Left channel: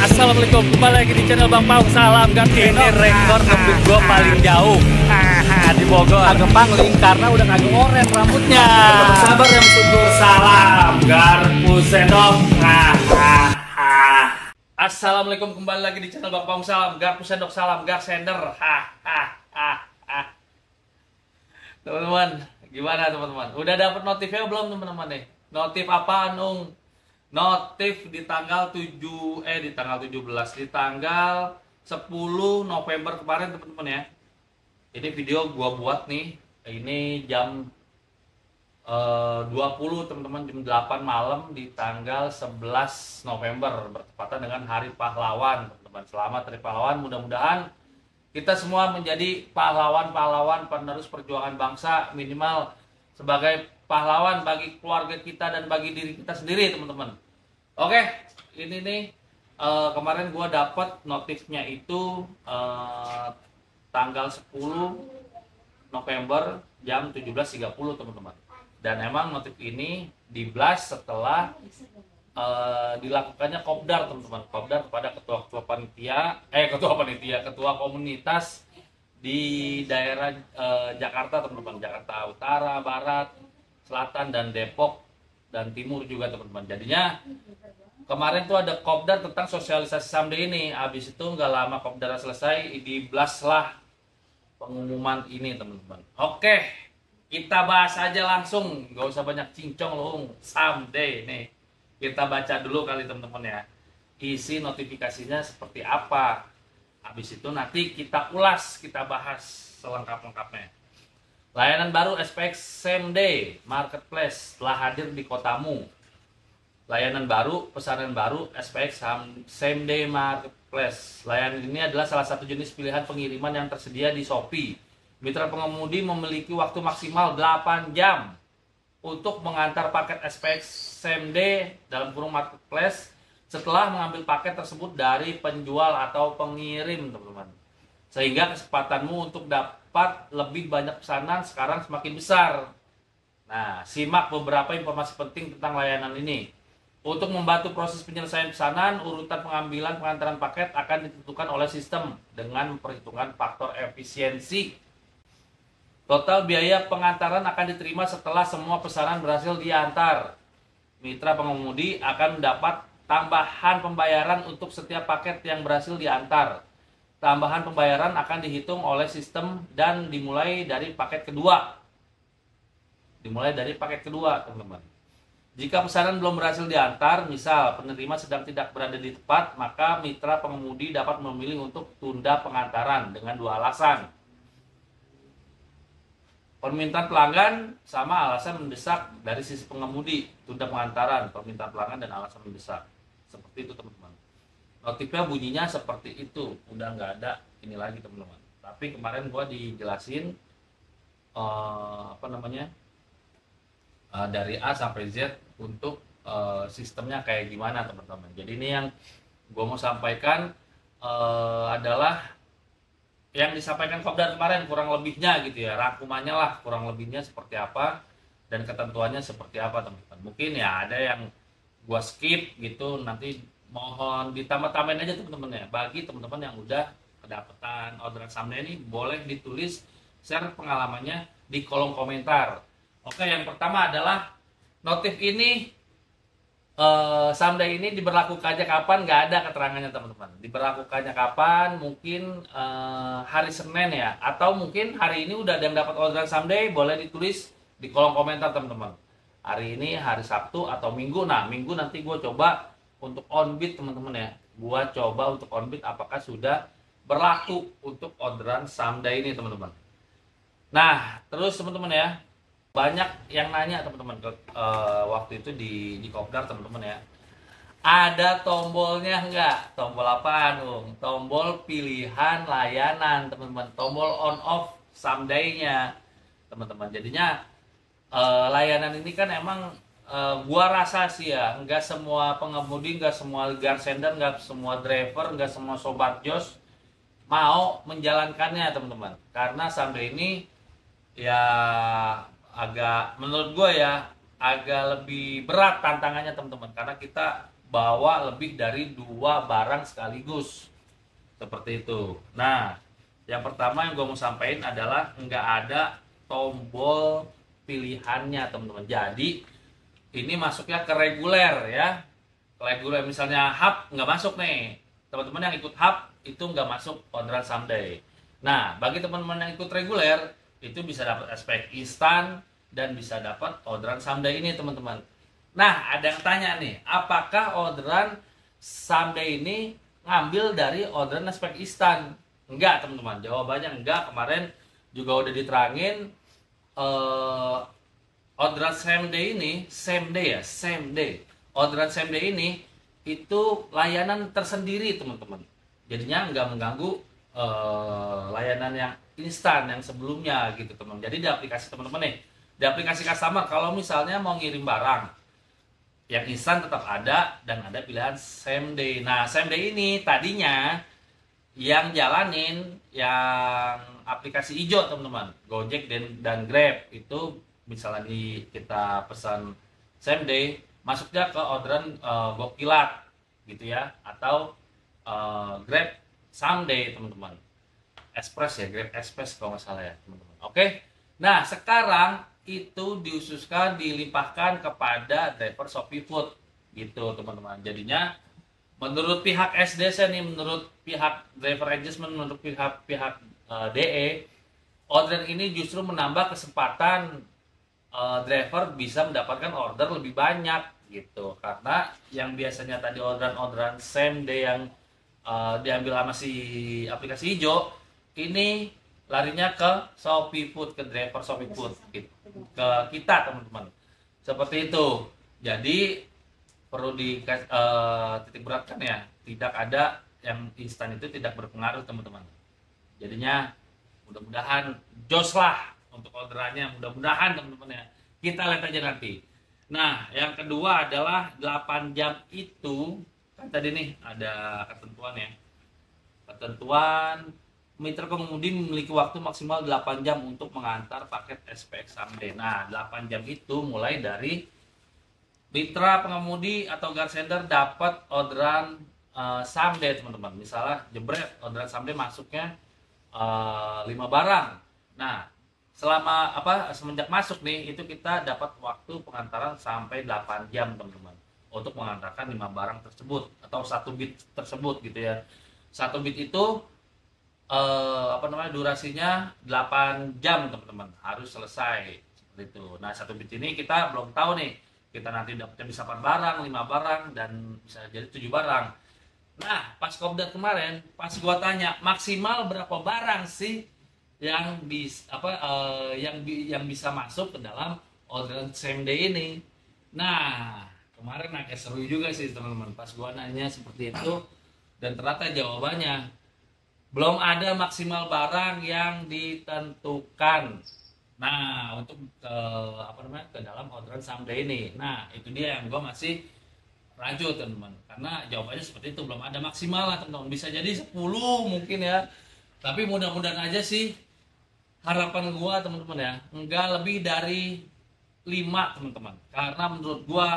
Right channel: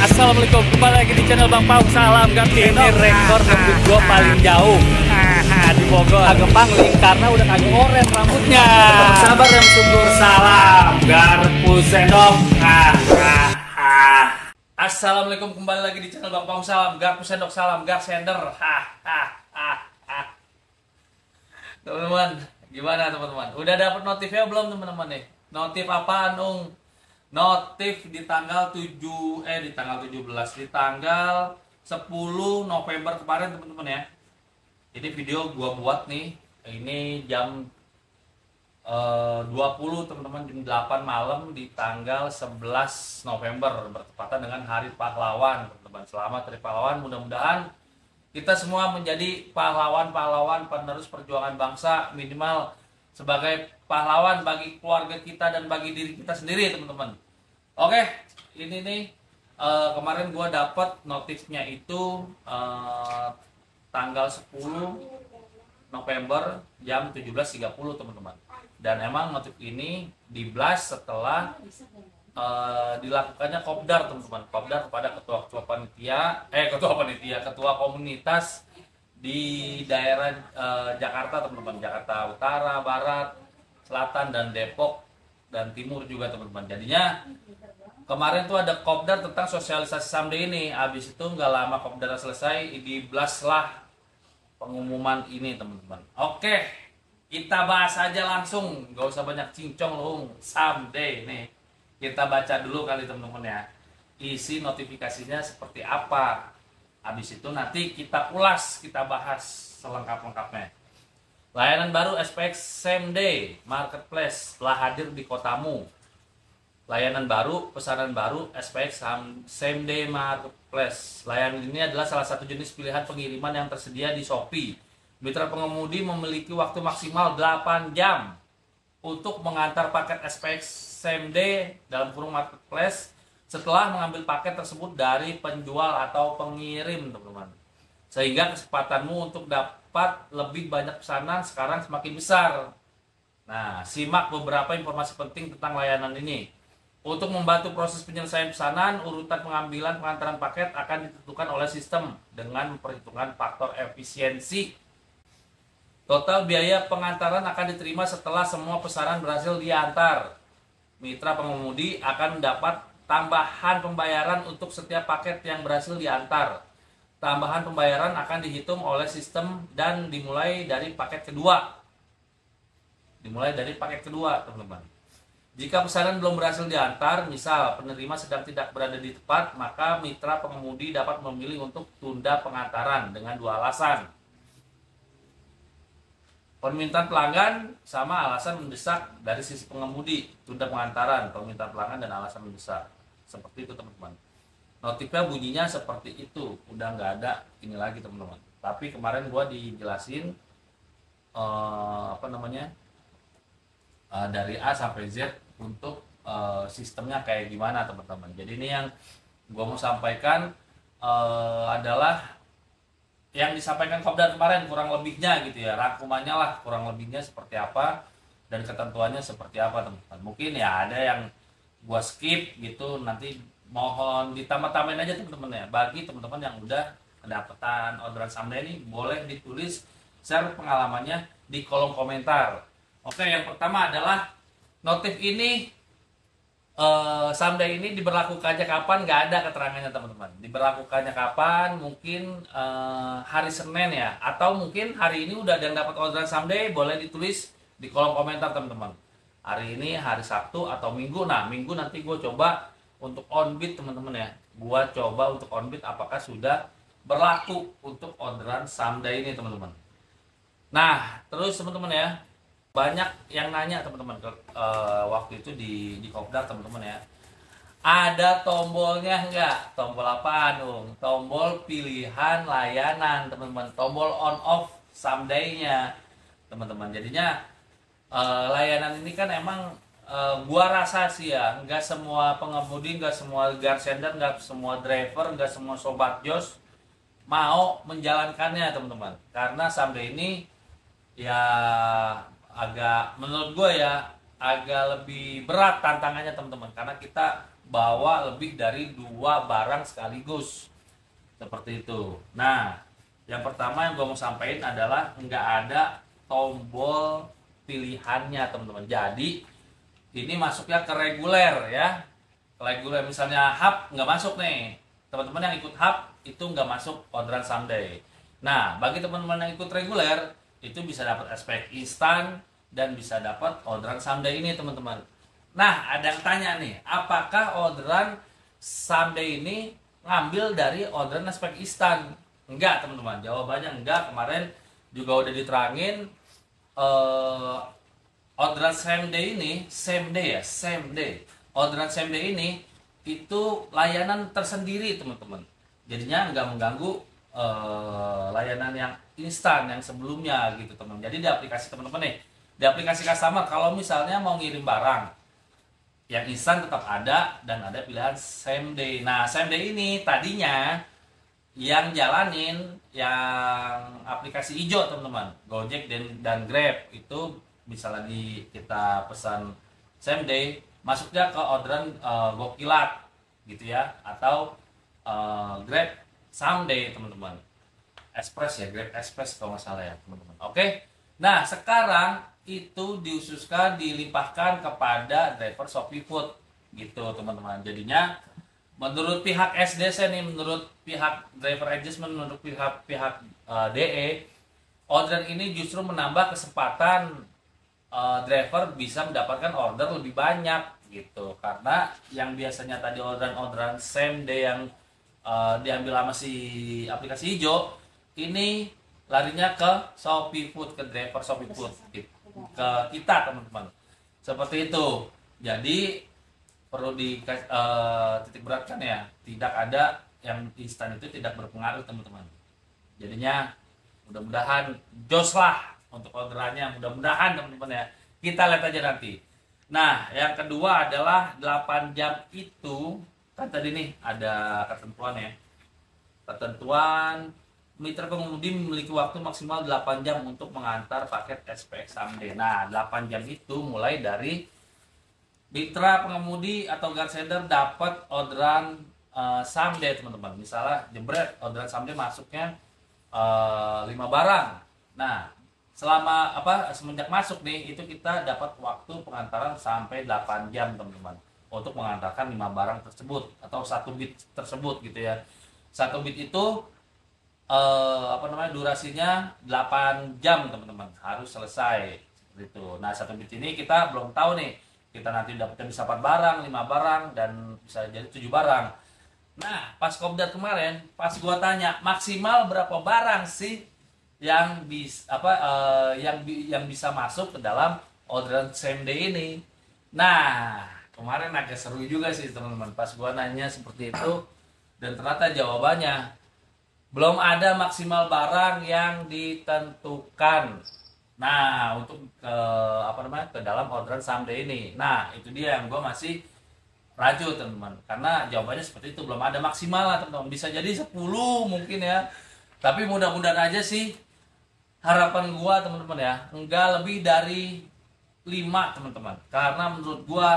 Assalamualaikum, kembali lagi di channel Bang Pau. Salam Gar. Ini rekor ngebut gue paling jauh di Bogor. Agak pangling karena udah kagak oren rambutnya. Tetap sabar yang tunggu. Salam Garpu Sendok. Assalamualaikum, kembali lagi di channel Bang Pau. Salam Garpu Sendok. Salam Gar Sender. Teman-teman, gimana teman-teman? Udah dapat notifnya belum teman-teman nih? Notif apaan, Ung? Notif di tanggal 17 di tanggal 10 November kemarin teman-teman ya. Ini video gua buat nih. Ini jam 20 teman-teman, jam 8 malam di tanggal 11 November bertepatan dengan Hari Pahlawan teman-teman. Selamat Hari Pahlawan, mudah-mudahan kita semua menjadi pahlawan-pahlawan penerus perjuangan bangsa, minimal sebagai pahlawan bagi keluarga kita dan bagi diri kita sendiri teman-teman. Oke, ini nih kemarin gue dapat notifnya itu tanggal 10 November jam 17.30 teman-teman. Dan emang notif ini di-blast setelah dilakukannya kopdar teman-teman. Kopdar kepada ketua komunitas di daerah Jakarta teman-teman. Jakarta Utara, Barat, Selatan, dan Depok dan Timur juga teman-teman. Jadinya kemarin tuh ada kopdar tentang sosialisasi Samde ini. Habis itu nggak lama kopdar selesai, di-blast lah pengumuman ini teman-teman. Oke, kita bahas aja langsung, nggak usah banyak cincong loh. Samde nih, kita baca dulu kali teman-teman ya, isi notifikasinya seperti apa. Habis itu nanti kita ulas, kita bahas selengkap-lengkapnya. Layanan baru SPX Same Day Marketplace telah hadir di kotamu. Layanan baru, pesanan baru SPX Same Day Marketplace. Layanan ini adalah salah satu jenis pilihan pengiriman yang tersedia di Shopee. Mitra pengemudi memiliki waktu maksimal 8 jam untuk mengantar paket SPX Same Day dalam kurung Marketplace setelah mengambil paket tersebut dari penjual atau pengirim teman-teman. Sehingga kesempatanmu untuk dapat lebih banyak pesanan sekarang semakin besar. Nah, simak beberapa informasi penting tentang layanan ini. Untuk membantu proses penyelesaian pesanan, urutan pengambilan pengantaran paket akan ditentukan oleh sistem dengan memperhitungkan faktor efisiensi. Total biaya pengantaran akan diterima setelah semua pesanan berhasil diantar. Mitra pengemudi akan mendapat tambahan pembayaran untuk setiap paket yang berhasil diantar. Tambahan pembayaran akan dihitung oleh sistem dan dimulai dari paket kedua. Teman-teman. Jika pesanan belum berhasil diantar, misal penerima sedang tidak berada di tempat, maka mitra pengemudi dapat memilih untuk tunda pengantaran dengan dua alasan. Permintaan pelanggan sama alasan mendesak dari sisi pengemudi, tunda pengantaran, permintaan pelanggan dan alasan mendesak. Seperti itu teman-teman. Notifnya bunyinya seperti itu, udah nggak ada ini lagi teman-teman. Tapi kemarin gua dijelasin dari A sampai Z untuk sistemnya kayak gimana teman-teman. Jadi ini yang gua mau sampaikan adalah yang disampaikan kopdar kemarin kurang lebihnya gitu ya, rangkumannya lah kurang lebihnya seperti apa dan ketentuannya seperti apa teman-teman. Mungkin ya ada yang gua skip gitu, nanti mohon ditambah-tambahin aja teman-teman ya. Bagi teman-teman yang udah kedapatan orderan Samde ini, boleh ditulis share pengalamannya di kolom komentar. Oke, yang pertama adalah notif ini Samde ini diberlakukannya kapan, nggak ada keterangannya teman-teman. Diberlakukannya kapan, mungkin hari Senin ya, atau mungkin hari ini udah ada yang dapat orderan Samde, boleh ditulis di kolom komentar teman-teman. Hari ini hari Sabtu atau Minggu. Nah, Minggu nanti gue coba untuk on-bid teman-teman ya. Gua coba untuk on-bid apakah sudah berlaku untuk orderan Samde ini teman-teman. Nah, terus teman-teman ya, banyak yang nanya teman-teman waktu itu di kopdar teman-teman ya. Ada tombolnya enggak? Tombol apa dong? Tombol pilihan layanan teman-teman. Tombol on off Samde-nya teman-teman. Jadinya layanan ini kan emang gua rasa sih ya, nggak semua pengemudi, nggak semua garsender, nggak semua driver, nggak semua sobat jos mau menjalankannya teman-teman. Karena Samde ini ya agak, menurut gua ya agak lebih berat tantangannya teman-teman. Karena kita bawa lebih dari 2 barang sekaligus. Seperti itu. Nah, yang pertama yang gue mau sampaikan adalah nggak ada tombol pilihannya teman-teman. Jadi ini masuknya ke reguler ya. Reguler misalnya hub nggak masuk nih. Teman-teman yang ikut hub itu nggak masuk orderan someday. Nah, bagi teman-teman yang ikut reguler itu bisa dapat SPX instan dan bisa dapat orderan someday ini teman-teman. Nah, ada yang tanya nih, apakah orderan someday ini ngambil dari orderan SPX instan? Enggak teman-teman, jawabannya enggak. Kemarin juga udah diterangin orderan same day ini, same day. Orderan same day ini itu layanan tersendiri teman-teman. Jadinya nggak mengganggu layanan yang instan yang sebelumnya gitu teman. Jadi di aplikasi teman-teman nih, di aplikasi customer kalau misalnya mau ngirim barang yang instan tetap ada dan ada pilihan same day. Nah, same day ini tadinya yang jalanin yang aplikasi hijau teman-teman, Gojek dan Grab itu misalnya kita pesan same day masuknya ke orderan Gokilat gitu ya, atau Grab someday teman-teman, Express ya, Grab Express kalau nggak salah ya teman-teman. Oke, nah sekarang itu diususkan dilimpahkan kepada driver Shopee Food gitu teman-teman. Jadinya menurut pihak SDC nih, menurut pihak driver adjustment, menurut pihak DE, order ini justru menambah kesempatan driver bisa mendapatkan order lebih banyak gitu. Karena yang biasanya tadi orderan same day yang diambil sama si aplikasi hijau, ini larinya ke Shopee Food, ke driver Shopee Food gitu, ke kita teman-teman. Seperti itu. Jadi perlu titik beratkan ya, tidak ada yang instan itu tidak berpengaruh teman-teman. Jadinya mudah-mudahan jos lah untuk orderannya, mudah-mudahan teman-teman ya. Kita lihat aja nanti. Nah, yang kedua adalah 8 jam itu kan tadi nih ada ketentuan ya. Ketentuan mitra pengemudi memiliki waktu maksimal 8 jam untuk mengantar paket SPX someday. Nah, 8 jam itu mulai dari mitra pengemudi atau garsender dapat orderan someday teman-teman. Misalnya jebret orderan someday masuknya 5 barang. Nah, selama semenjak masuk nih itu kita dapat waktu pengantaran sampai 8 jam teman-teman untuk mengantarkan 5 barang tersebut atau 1 bit tersebut gitu ya. 1 bit itu durasinya 8 jam teman-teman, harus selesai seperti itu. Nah, 1 bit ini kita belum tahu nih, kita nanti dapatnya bisa 4 barang, 5 barang, dan bisa jadi 7 barang. Nah, pas kopdar kemarin, pas gua tanya maksimal berapa barang sih yang bisa masuk ke dalam orderan same day ini. Nah, kemarin agak seru juga sih teman-teman pas gua nanya seperti itu, dan ternyata jawabannya belum ada maksimal barang yang ditentukan. Nah, untuk ke dalam orderan someday ini. Nah, itu dia yang gue masih ragu teman-teman. Karena jawabannya seperti itu, belum ada maksimal lah teman-teman. Bisa jadi 10 mungkin ya. Tapi mudah-mudahan aja sih, harapan gue teman-teman ya, enggak lebih dari 5 teman-teman. Karena menurut gue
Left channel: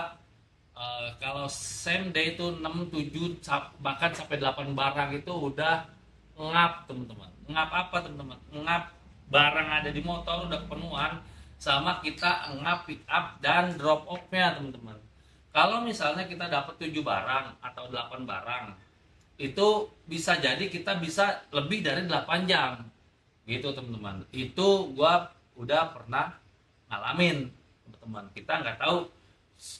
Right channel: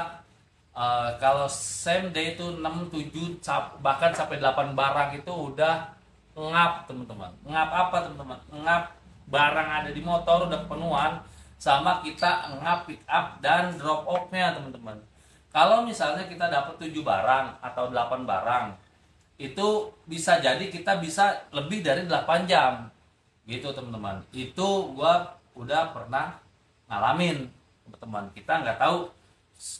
kalau same day itu 6, 7, bahkan sampai 8 barang itu udah ngap teman-teman. Ngap apa teman-teman? Ngap barang ada di motor udah kepenuhan, sama kita ngap pick up dan drop off-nya teman-teman. Kalau misalnya kita dapat 7 barang atau 8 barang, itu bisa jadi kita bisa lebih dari 8 jam gitu teman-teman. Itu gua udah pernah ngalamin teman-teman. Kita nggak tahu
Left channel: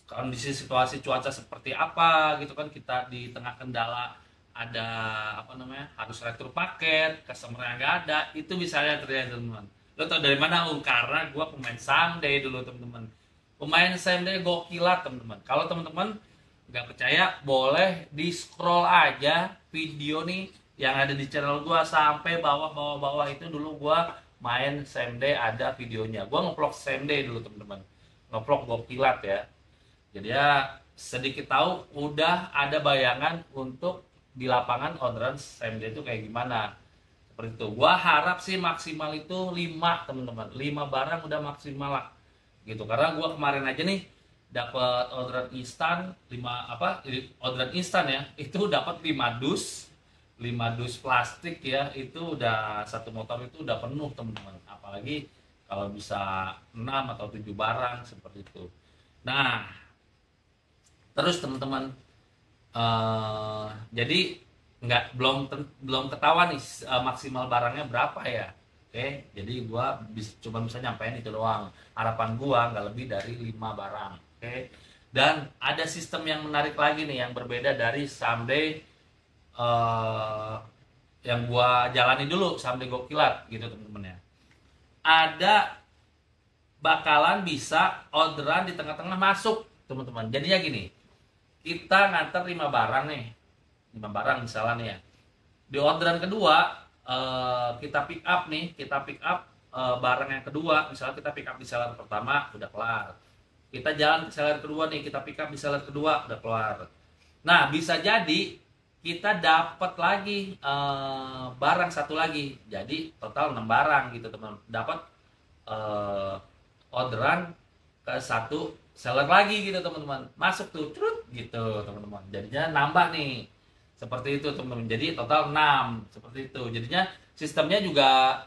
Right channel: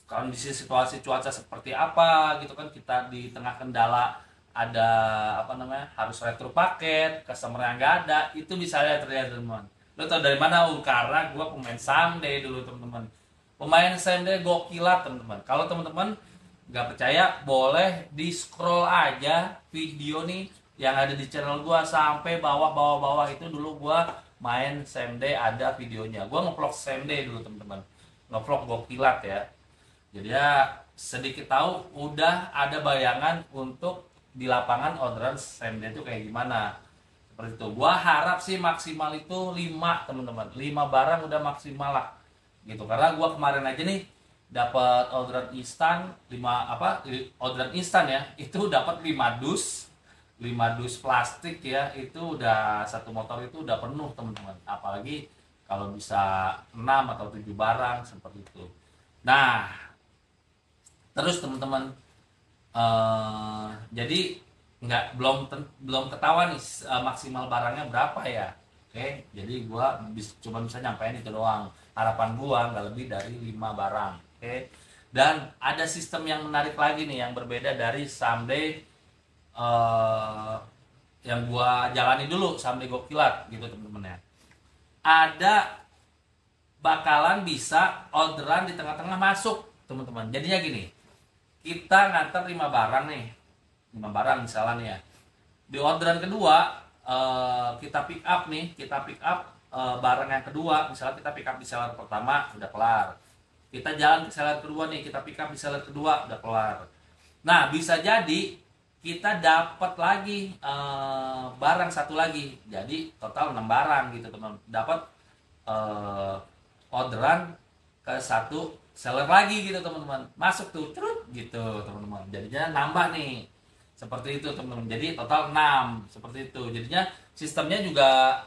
kondisi situasi cuaca seperti apa gitu kan, kita di tengah kendala ada harus retur paket, customer yang nggak ada, itu bisa aja terjadi teman-teman. Lo tau dari mana? Karena gue pemain someday dulu teman-teman, pemain someday Gokilat teman-teman. Kalau teman-teman nggak percaya, boleh di scroll aja video nih yang ada di channel gue sampai bawah itu. Dulu gue main someday, ada videonya. Gue ngevlog someday dulu teman-teman, ngevlog Gokilat ya. Jadi ya sedikit tahu, udah ada bayangan untuk di lapangan orderan same day itu kayak gimana. Seperti itu. Gua harap sih maksimal itu 5 teman-teman. 5 barang udah maksimal lah. Gitu. Karena gua kemarin aja nih dapat orderan instan 5 orderan instan ya, itu dapat 5 dus plastik ya, itu udah satu motor itu udah penuh teman-teman, apalagi kalau bisa 6 atau 7 barang seperti itu. Nah terus teman-teman, jadi belum ketahuan nih maksimal barangnya berapa ya. Oke, jadi gua cuma bisa nyampein itu doang. Harapan gua nggak lebih dari 5 barang. Oke. Dan ada sistem yang menarik lagi nih yang berbeda dari Someday yang gua jalani dulu, Someday Gokilat gitu teman-teman ya. Ada bakalan bisa orderan di tengah-tengah masuk teman-teman. Jadinya gini, kita nganter 5 barang nih. 5 barang misalnya nih ya. Di orderan kedua kita pick up barang yang kedua, misalnya kita pick up di seller pertama udah kelar, kita jalan ke seller kedua nih, kita pick up di seller kedua udah kelar. Nah bisa jadi kita dapat lagi barang satu lagi, jadi total 6 barang gitu teman, dapat orderan ke satu seller lagi gitu teman-teman, masuk tuh cerut gitu teman-teman, jadinya nambah nih. Seperti itu teman-teman. Jadi total 6 seperti itu. Jadinya sistemnya juga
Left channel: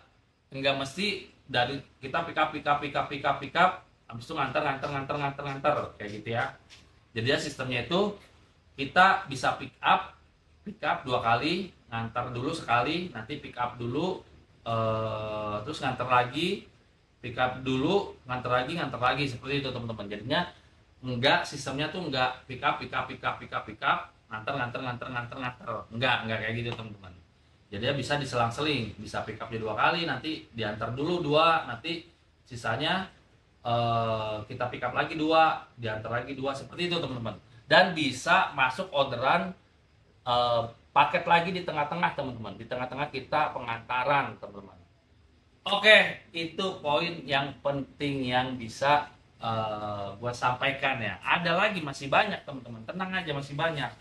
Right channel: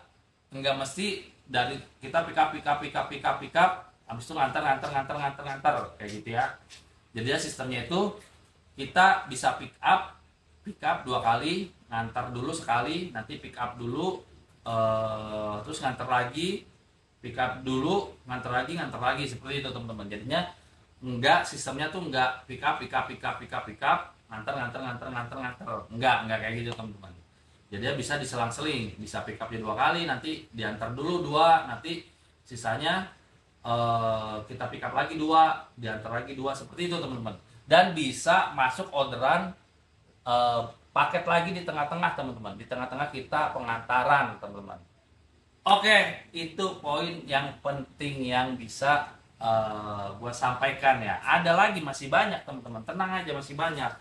enggak mesti dari kita pick up habis itu nganter kayak gitu ya. Jadinya sistemnya itu kita bisa pick up 2 kali, nganter dulu sekali, nanti pick up dulu terus nganter lagi, pick up dulu, nganter lagi seperti itu teman-teman. Jadinya sistemnya tuh enggak pick up nganter enggak kayak gitu teman-teman. Jadi bisa diselang-seling, bisa pick up 2 kali, nanti diantar dulu 2, nanti sisanya kita pick up lagi 2, diantar lagi 2, seperti itu teman-teman. Dan bisa masuk orderan paket lagi di tengah-tengah teman-teman, di tengah-tengah kita pengantaran teman-teman. Oke, itu poin yang penting yang bisa gue sampaikan ya. Ada lagi, masih banyak teman-teman, tenang aja, masih banyak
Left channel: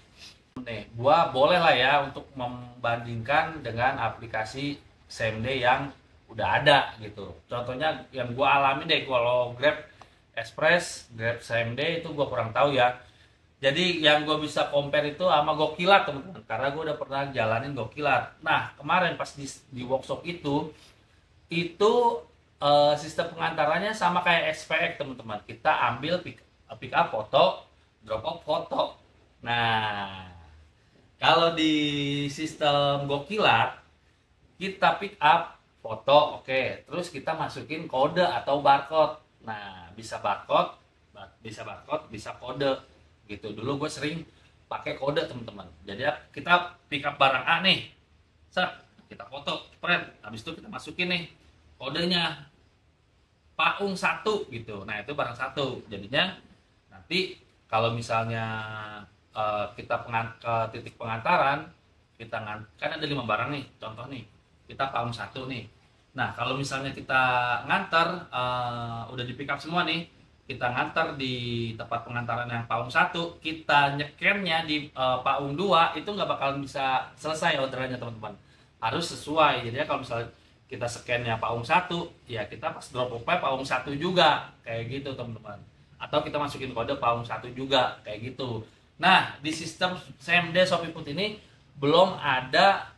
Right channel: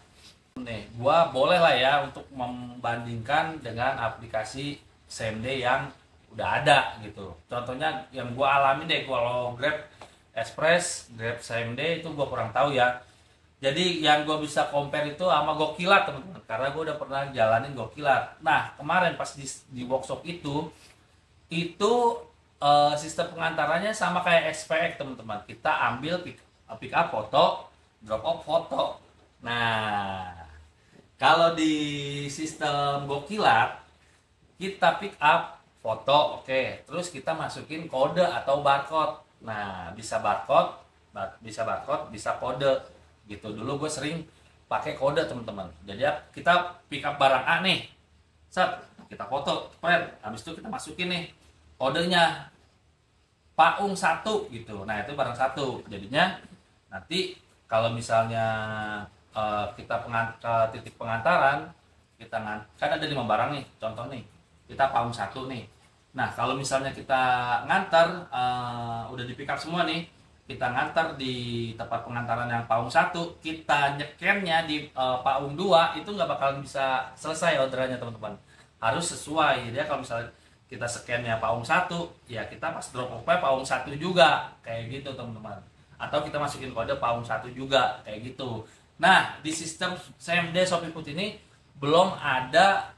nih. Gua boleh lah ya untuk membandingkan dengan aplikasi Someday yang udah ada gitu. Contohnya yang gua alami deh, kalau Grab Express, Grab Someday itu gua kurang tahu ya. Jadi yang gua bisa compare itu sama Gokilat teman-teman, karena gua udah pernah jalanin Gokilat. Nah kemarin pas di workshop itu sistem pengantarannya sama kayak SPX teman-teman. Kita ambil pick up foto, drop off foto. Nah kalau di sistem Gokilat kita pick up foto, oke, terus kita masukin kode atau barcode. Nah bisa barcode, bisa kode gitu. Dulu gue sering pakai kode teman-teman. Jadi kita pick up barang A nih, set, kita foto, spread, habis itu kita masukin nih kodenya Paung 1 gitu. Nah itu barang 1. Jadinya nanti kalau misalnya kita ke titik pengantaran, kan ada 5 barang nih, contoh nih, kita Paung 1 nih. Nah kalau misalnya kita ngantar udah di pick up semua nih, kita ngantar di tempat pengantaran yang Paung 1, kita nyekennya di Paung 2, itu nggak bakalan bisa selesai orderannya teman-teman. Harus sesuai. Jadi kalau misalnya kita scan-nya Paung 1, ya kita pas drop off Paung 1 juga, kayak gitu teman-teman. Atau kita masukin kode Paung 1 juga, kayak gitu. Nah di sistem Someday ShopeeFood ini belum ada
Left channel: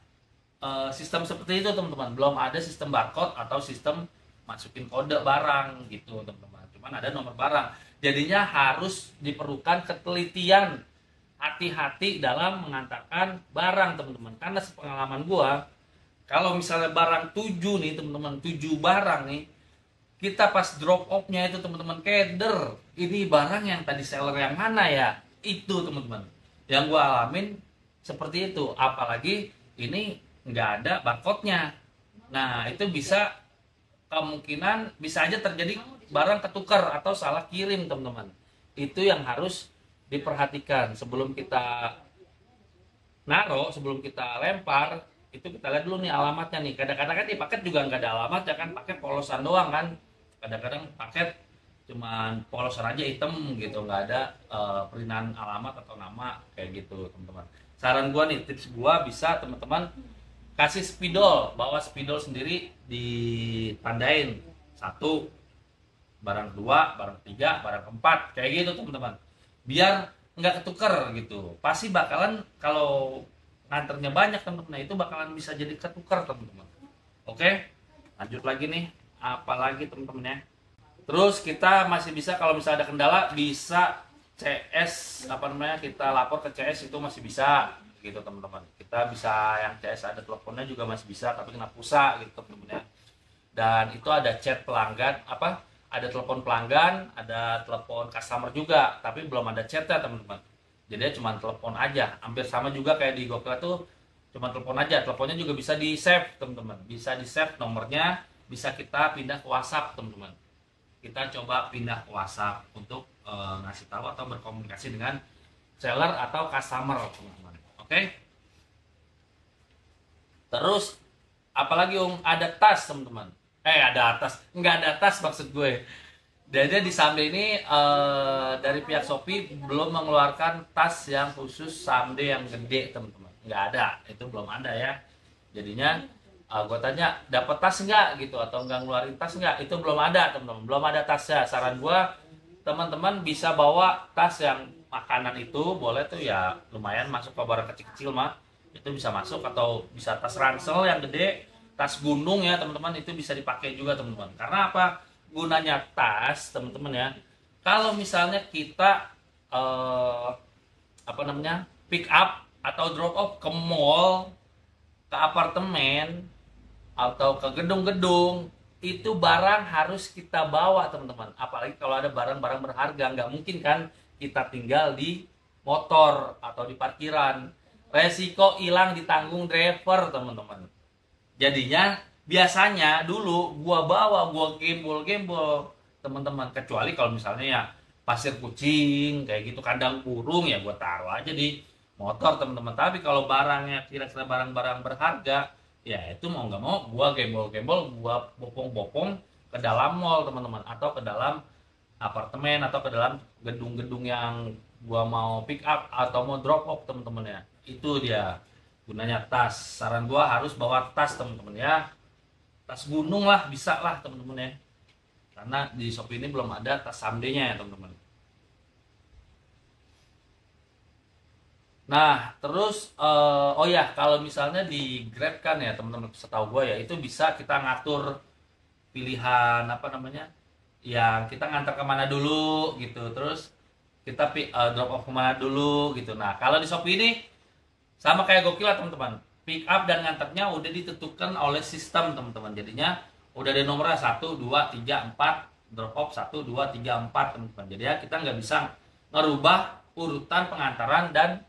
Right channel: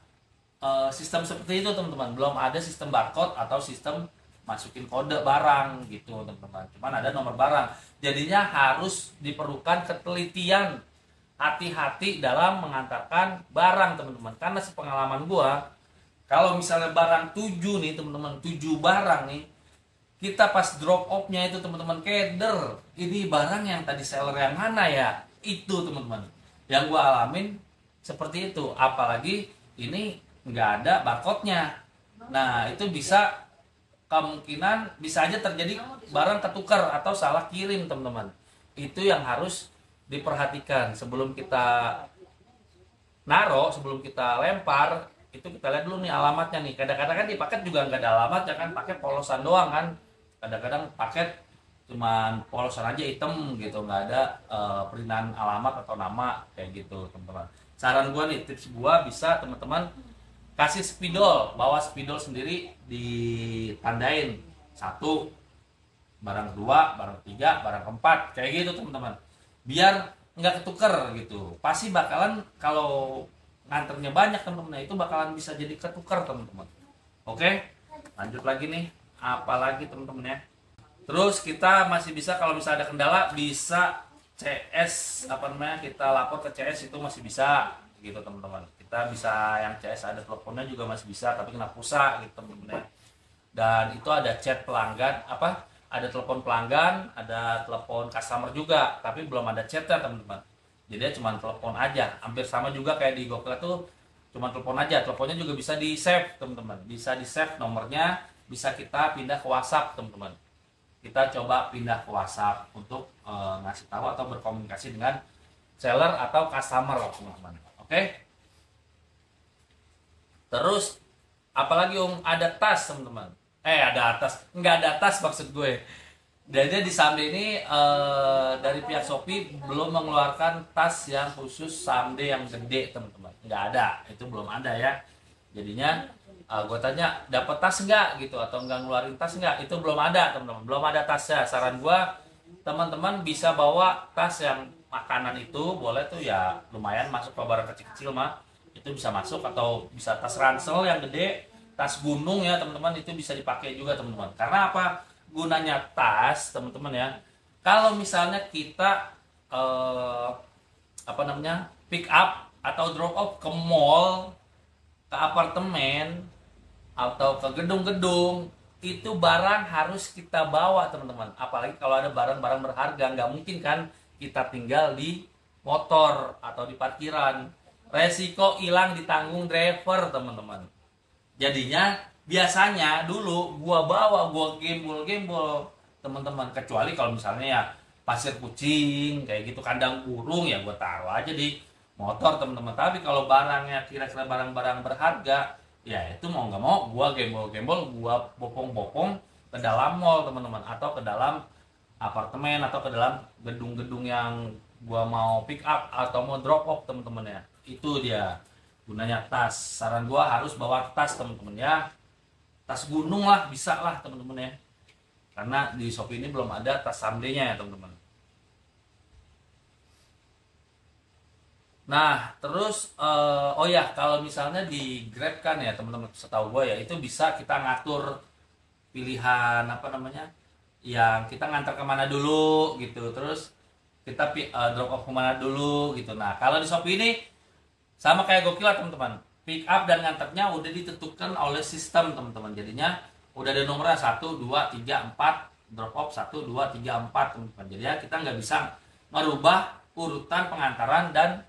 sistem seperti itu teman-teman. Belum ada sistem barcode atau sistem masukin kode barang gitu teman-teman. Cuman ada nomor barang. Jadinya harus diperlukan ketelitian, hati-hati dalam mengantarkan barang teman-teman. Karena sepengalaman gua, kalau misalnya barang 7 nih teman-teman, 7 barang nih, kita pas drop off-nya itu teman-teman keder, ini barang yang tadi seller yang mana ya? Itu teman-teman yang gue alamin seperti itu. Apalagi ini nggak ada barcode-nya. Nah itu kemungkinan bisa aja terjadi barang ketukar atau salah kirim teman-teman. Itu yang harus diperhatikan sebelum kita sebelum kita lempar. Itu kita lihat dulu nih alamatnya nih. Kadang-kadang kan di paket juga nggak ada alamat ya kan, pakai polosan doang kan. Kadang-kadang paket cuman polosan aja hitam gitu, nggak ada perintahan alamat atau nama kayak gitu teman-teman. Saran gua nih, tips gua, bisa teman-teman kasih spidol, bawa spidol sendiri, ditandain 1 barang kedua, barang ketiga, barang keempat, kayak gitu teman-teman. Biar nggak ketuker gitu. Pasti bakalan kalau nganternya banyak teman-teman, itu bakalan bisa jadi ketuker teman-teman. Oke, lanjut lagi nih, apalagi teman-teman ya. Terus kita masih bisa kalau misalnya ada kendala bisa CS apa namanya, kita lapor ke CS, itu masih bisa gitu teman-teman. Kita bisa yang CS ada teleponnya juga masih bisa, tapi kena pulsa gitu teman-teman ya. Dan itu ada chat pelanggan, apa, ada telepon pelanggan, ada telepon customer juga, tapi belum ada chatnya teman-teman. Jadi cuma telepon aja, hampir sama juga kayak di Gokil tuh, cuma telepon aja. Teleponnya juga bisa di save teman-teman, bisa di save nomornya, bisa kita pindah ke WhatsApp teman-teman. Kita coba pindah ke WhatsApp untuk ngasih tahu atau berkomunikasi dengan seller atau customer teman-teman. Oke. Terus apalagi ada tas teman-teman. Ada tas, nggak ada tas maksud gue. Jadi di Someday ini dari pihak Shopee belum mengeluarkan tas yang khusus Someday yang gede teman-teman. Nggak ada, itu belum ada ya. Jadinya gue tanya dapat tas nggak gitu, atau nggak ngeluarin tas nggak, itu belum ada teman-teman, belum ada tasnya. Saran gue teman-teman bisa bawa tas yang makanan itu, boleh tuh ya, lumayan masuk ke barang kecil-kecil mah itu bisa masuk, atau bisa tas ransel yang gede, tas gunung ya teman-teman, itu bisa dipakai juga teman-teman. Karena apa gunanya tas teman-teman ya, kalau misalnya kita apa namanya, pick up atau drop off ke mall, ke apartemen, atau ke gedung-gedung, itu barang harus kita bawa teman-teman. Apalagi kalau ada barang-barang berharga, nggak mungkin kan kita tinggal di motor atau di parkiran. Resiko hilang ditanggung driver teman-teman. Jadinya biasanya dulu gua bawa, gua gembol teman-teman, kecuali kalau misalnya ya pasir kucing kayak gitu, kandang burung, ya gua taruh aja di motor teman-teman. Tapi kalau barangnya kira-kira barang-barang berharga, ya itu mau nggak mau gua gembol, gua bopong ke dalam mall teman-teman, atau ke dalam apartemen, atau ke dalam gedung-gedung yang gua mau pick up atau mau drop off teman-teman ya. Itu dia gunanya tas. Saran gua harus bawa tas teman-teman ya, tas gunung lah, bisa lah teman-teman ya, karena di Shopee ini belum ada tas Someday-nya ya teman-teman. Nah terus oh ya, kalau misalnya di Grab kan ya teman-teman, setahu gue ya itu bisa kita ngatur pilihan apa namanya, yang kita ngantar kemana dulu gitu, terus kita drop off kemana dulu gitu. Nah kalau di Shopee ini sama kayak Gokil lah teman-teman, pick up dan ngantarnya udah ditentukan oleh sistem teman-teman. Jadinya udah ada nomornya 1, 2, 3, 4, drop off 1, 2, 3, 4 teman-teman. Jadi ya kita nggak bisa ngerubah urutan pengantaran dan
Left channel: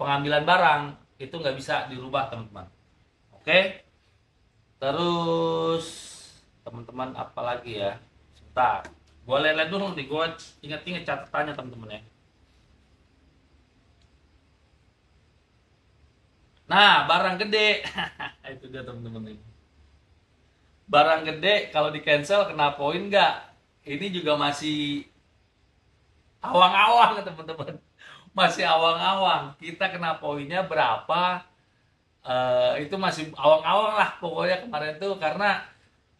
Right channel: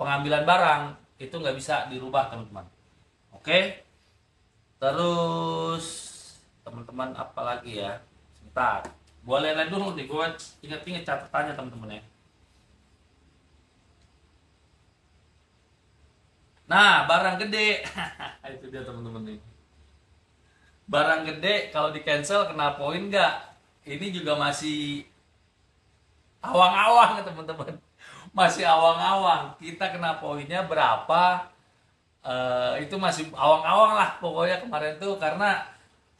pengambilan barang, itu nggak bisa dirubah teman-teman. Oke, terus teman-teman apa lagi ya, sebentar gue lihat dulu nih, gue inget-inget catatannya teman-teman ya. Nah barang gede itu dia teman-teman nih, barang gede kalau di cancel kena poin nggak? Ini juga masih awang-awang teman-teman, masih awang-awang. Kita kena poinnya berapa, itu masih awang-awang lah pokoknya kemarin tuh, karena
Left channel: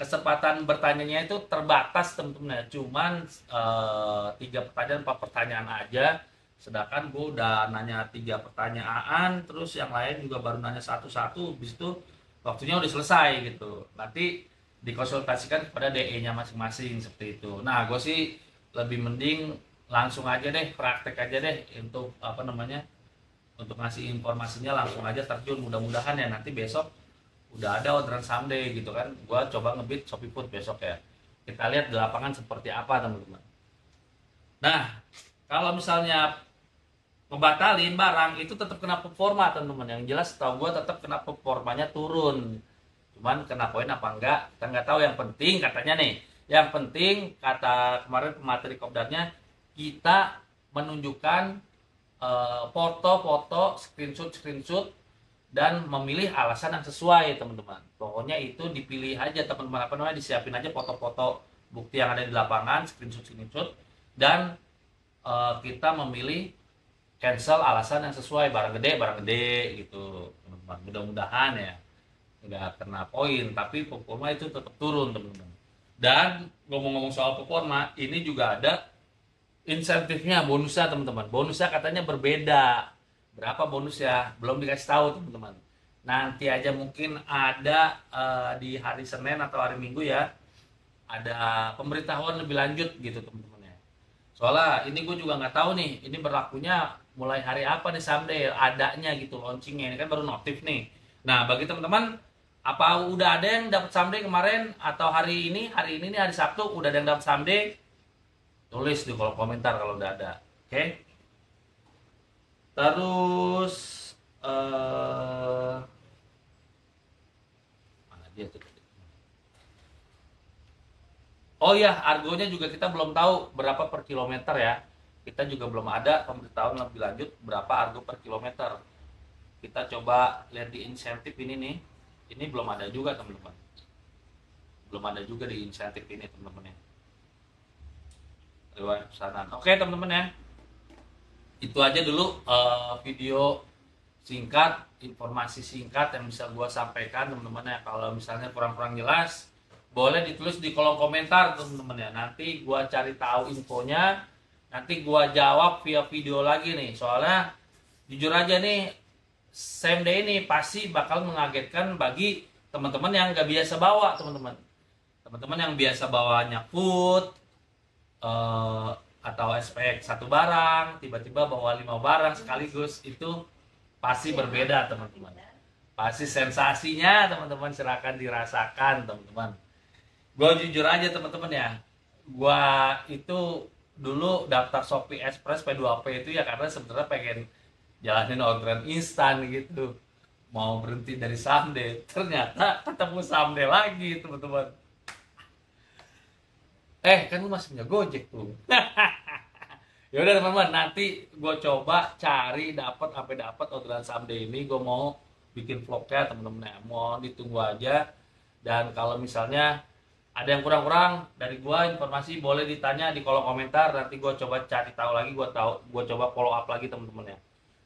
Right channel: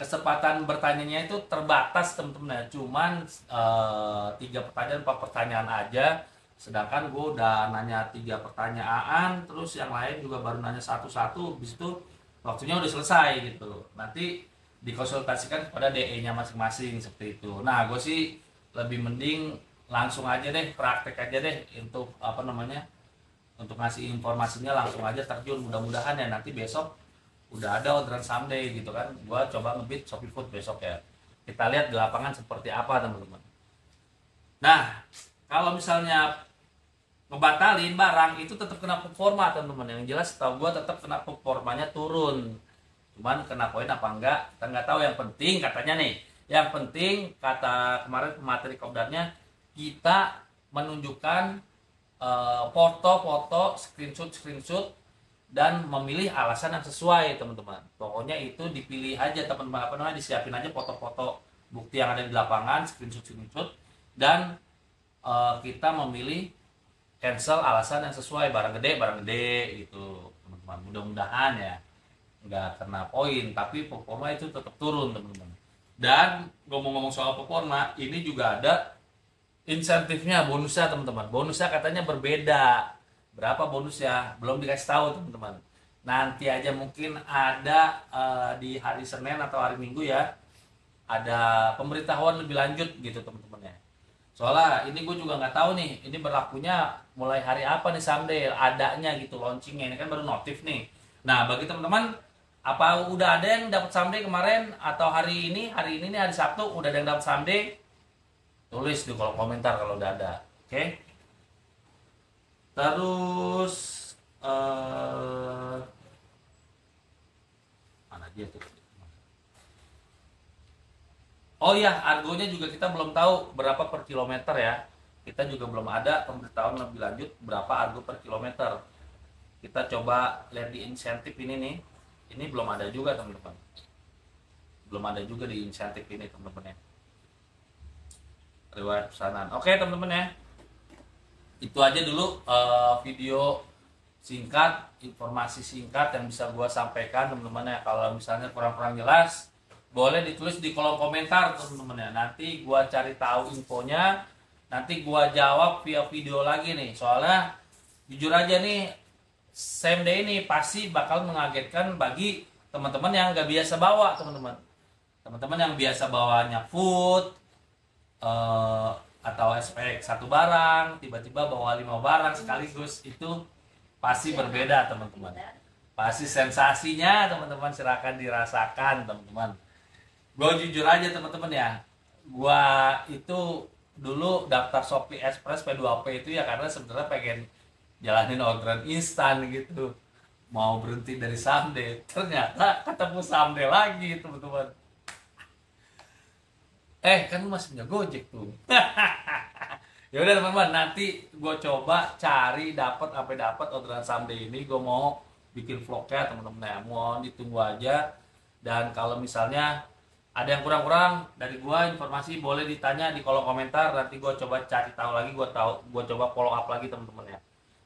kesempatan bertanyanya itu terbatas teman-teman ya, cuman 3 pertanyaan 4 pertanyaan aja, sedangkan gue udah nanya 3 pertanyaan, terus yang lain juga baru nanya satu-satu, habis itu waktunya udah selesai gitu. Nanti dikonsultasikan kepada DE-nya masing-masing seperti itu. Nah gue sih lebih mending langsung aja deh, praktek aja deh untuk apa namanya, untuk ngasih informasinya langsung aja terjun. Mudah-mudahan ya nanti besok udah ada orderan Someday gitu kan. Gua coba ngebit Shopee Food besok ya, kita lihat di lapangan seperti apa teman-teman. Nah kalau misalnya ngebatalin barang itu tetap kena performa teman-teman. Yang jelas tahu gua tetap kena performanya turun, cuman kena poin apa enggak kita nggak tahu. Yang penting katanya nih, yang penting kata kemarin pemateri kopdarnya, kita menunjukkan foto-foto, screenshot dan memilih alasan yang sesuai teman-teman. Pokoknya itu dipilih aja teman-teman, apa namanya, disiapin aja foto-foto bukti yang ada di lapangan, screenshot dan kita memilih cancel alasan yang sesuai, barang gede gitu teman-teman. Mudah-mudahan ya nggak kena poin, tapi performa itu tetap turun teman-teman. Dan ngomong-ngomong soal performa, ini juga ada insentifnya, bonusnya teman-teman. Bonusnya katanya berbeda. Berapa bonusnya? Belum dikasih tahu teman-teman. Nanti aja mungkin ada di hari Senin atau hari Minggu ya. Ada pemberitahuan lebih lanjut gitu teman-teman ya. Soalnya ini gue juga nggak tahu nih, ini berlakunya mulai hari apa nih someday adanya gitu launchingnya. Ini kan baru notif nih. Nah bagi teman-teman, apa udah ada yang dapat someday kemarin atau hari ini nih hari Sabtu udah ada yang dapat someday? Tulis di kolom komentar kalau udah ada. Oke? Terus mana dia tuh? Oh ya, argonya juga kita belum tahu berapa per kilometer ya. Kita juga belum ada pemberitahuan lebih lanjut berapa argo per kilometer. Kita coba lihat di insentif ini nih. Ini belum ada juga teman-teman. Belum ada juga di insentif ini teman-teman ya. Riwayat pesanan. Oke teman-teman ya. Itu aja dulu video singkat, informasi singkat yang bisa gue sampaikan teman-teman ya. Kalau misalnya kurang-kurang jelas, boleh ditulis di kolom komentar teman-teman ya. Nanti gue cari tahu infonya, nanti gue jawab via video lagi nih. Soalnya jujur aja nih, same day ini pasti bakal mengagetkan bagi teman-teman yang gak biasa bawa teman-teman. Teman-teman yang biasa bawanya food atau SPX satu barang, tiba-tiba bawa 5 barang sekaligus, itu pasti berbeda teman-teman. Pasti sensasinya teman-teman silakan dirasakan teman-teman. Gue jujur aja teman-teman ya, gue itu dulu daftar Shopee Express P2P itu ya karena sebenarnya pengen jalanin orderan instan gitu, mau berhenti dari someday, ternyata ketemu someday lagi teman-teman. Kan lu masih punya Gojek tuh. Ya udah teman-teman, nanti gue coba cari sampai dapat orderan someday ini. Gue mau bikin vlognya teman-teman ya, mohon ditunggu aja. Dan kalau misalnya ada yang kurang-kurang dari gue informasi, boleh ditanya di kolom komentar. Nanti gue coba cari tahu lagi, gue coba follow up lagi teman-teman ya.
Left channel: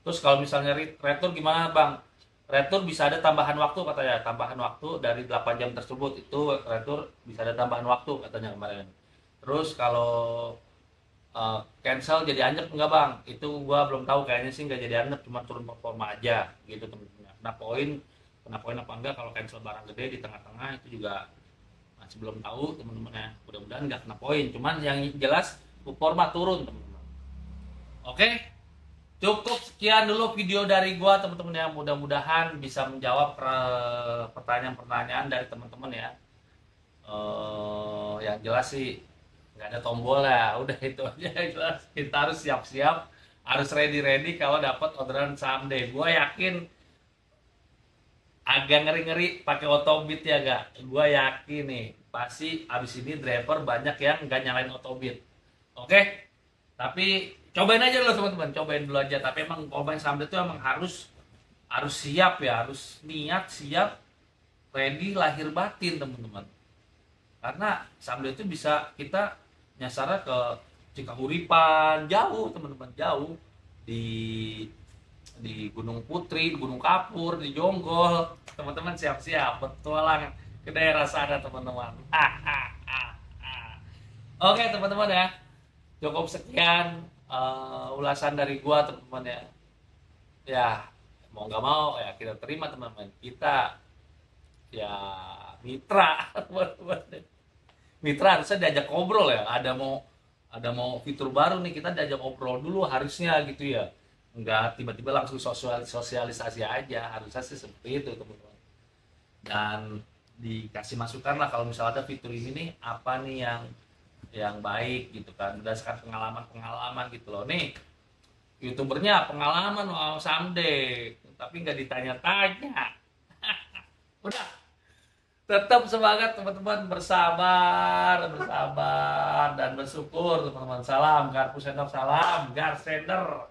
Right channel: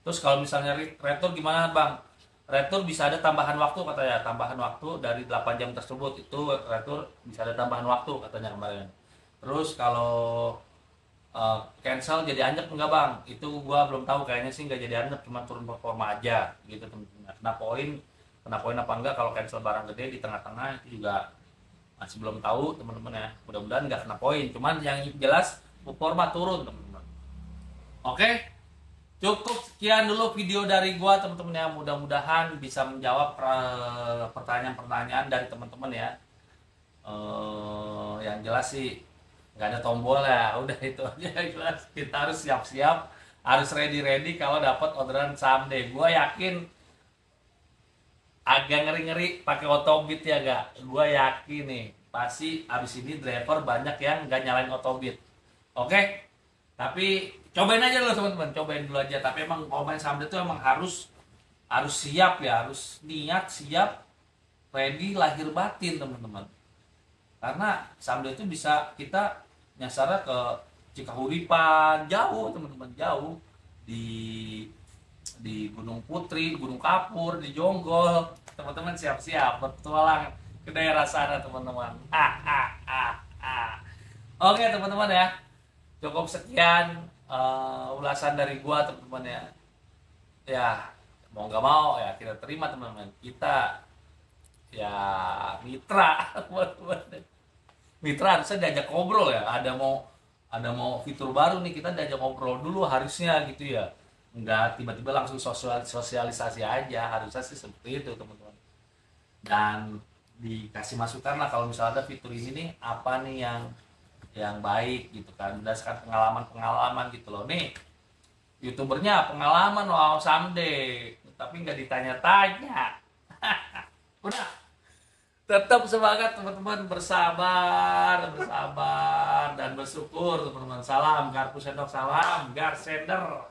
Terus kalau misalnya retur gimana bang? Retur bisa ada tambahan waktu katanya, tambahan waktu dari 8 jam tersebut, itu retur bisa ada tambahan waktu katanya kemarin. Terus kalau cancel jadi anyep enggak bang? Itu gua belum tahu, kayaknya sih nggak jadi anyep, cuma turun performa aja gitu teman-teman. Kena poin apa enggak kalau cancel barang gede di tengah-tengah, itu juga masih belum tahu teman-teman ya. Mudah-mudahan nggak kena poin, cuman yang jelas performa turun teman-teman. Oke, cukup sekian dulu video dari gua teman-teman ya. Mudah-mudahan bisa menjawab pertanyaan-pertanyaan dari teman-teman ya. Yang jelas sih nggak ada tombol ya, udah itu aja. Jelas kita harus siap-siap, harus ready kalau dapat orderan someday. Gue yakin agak ngeri-ngeri pakai otobit ya gak? Gue yakin nih pasti abis ini driver banyak yang nggak nyalain otobit. Oke? Tapi cobain aja dulu teman-teman, cobain dulu aja. Tapi emang kalau main someday itu emang harus siap ya, harus niat siap, ready lahir batin teman-teman. Karena someday itu bisa kita nyasarnya ke Cikahuripan, jauh teman-teman, jauh di Gunung Putri, Gunung Kapur, di Jonggol. Teman-teman siap-siap bertualang ke daerah sana teman-teman. Oke teman-teman ya, cukup sekian ulasan dari gua teman-teman ya. Ya mau nggak mau ya kita terima teman-teman, kita ya mitra teman-teman. Mitra harusnya diajak ngobrol ya, ada mau fitur baru nih, kita diajak ngobrol dulu harusnya gitu ya, nggak tiba-tiba langsung sosialisasi aja, harusnya sih seperti itu teman-teman. Dan dikasih masukan lah kalau misalnya ada fitur ini nih, apa nih yang baik gitu kan, berdasarkan pengalaman gitu loh. Nih youtubernya pengalaman wow someday, tapi nggak ditanya-tanya. Udah, tetap semangat teman-teman, bersabar dan bersyukur teman-teman. Salam Garpu Sendok, salam Gar Sender.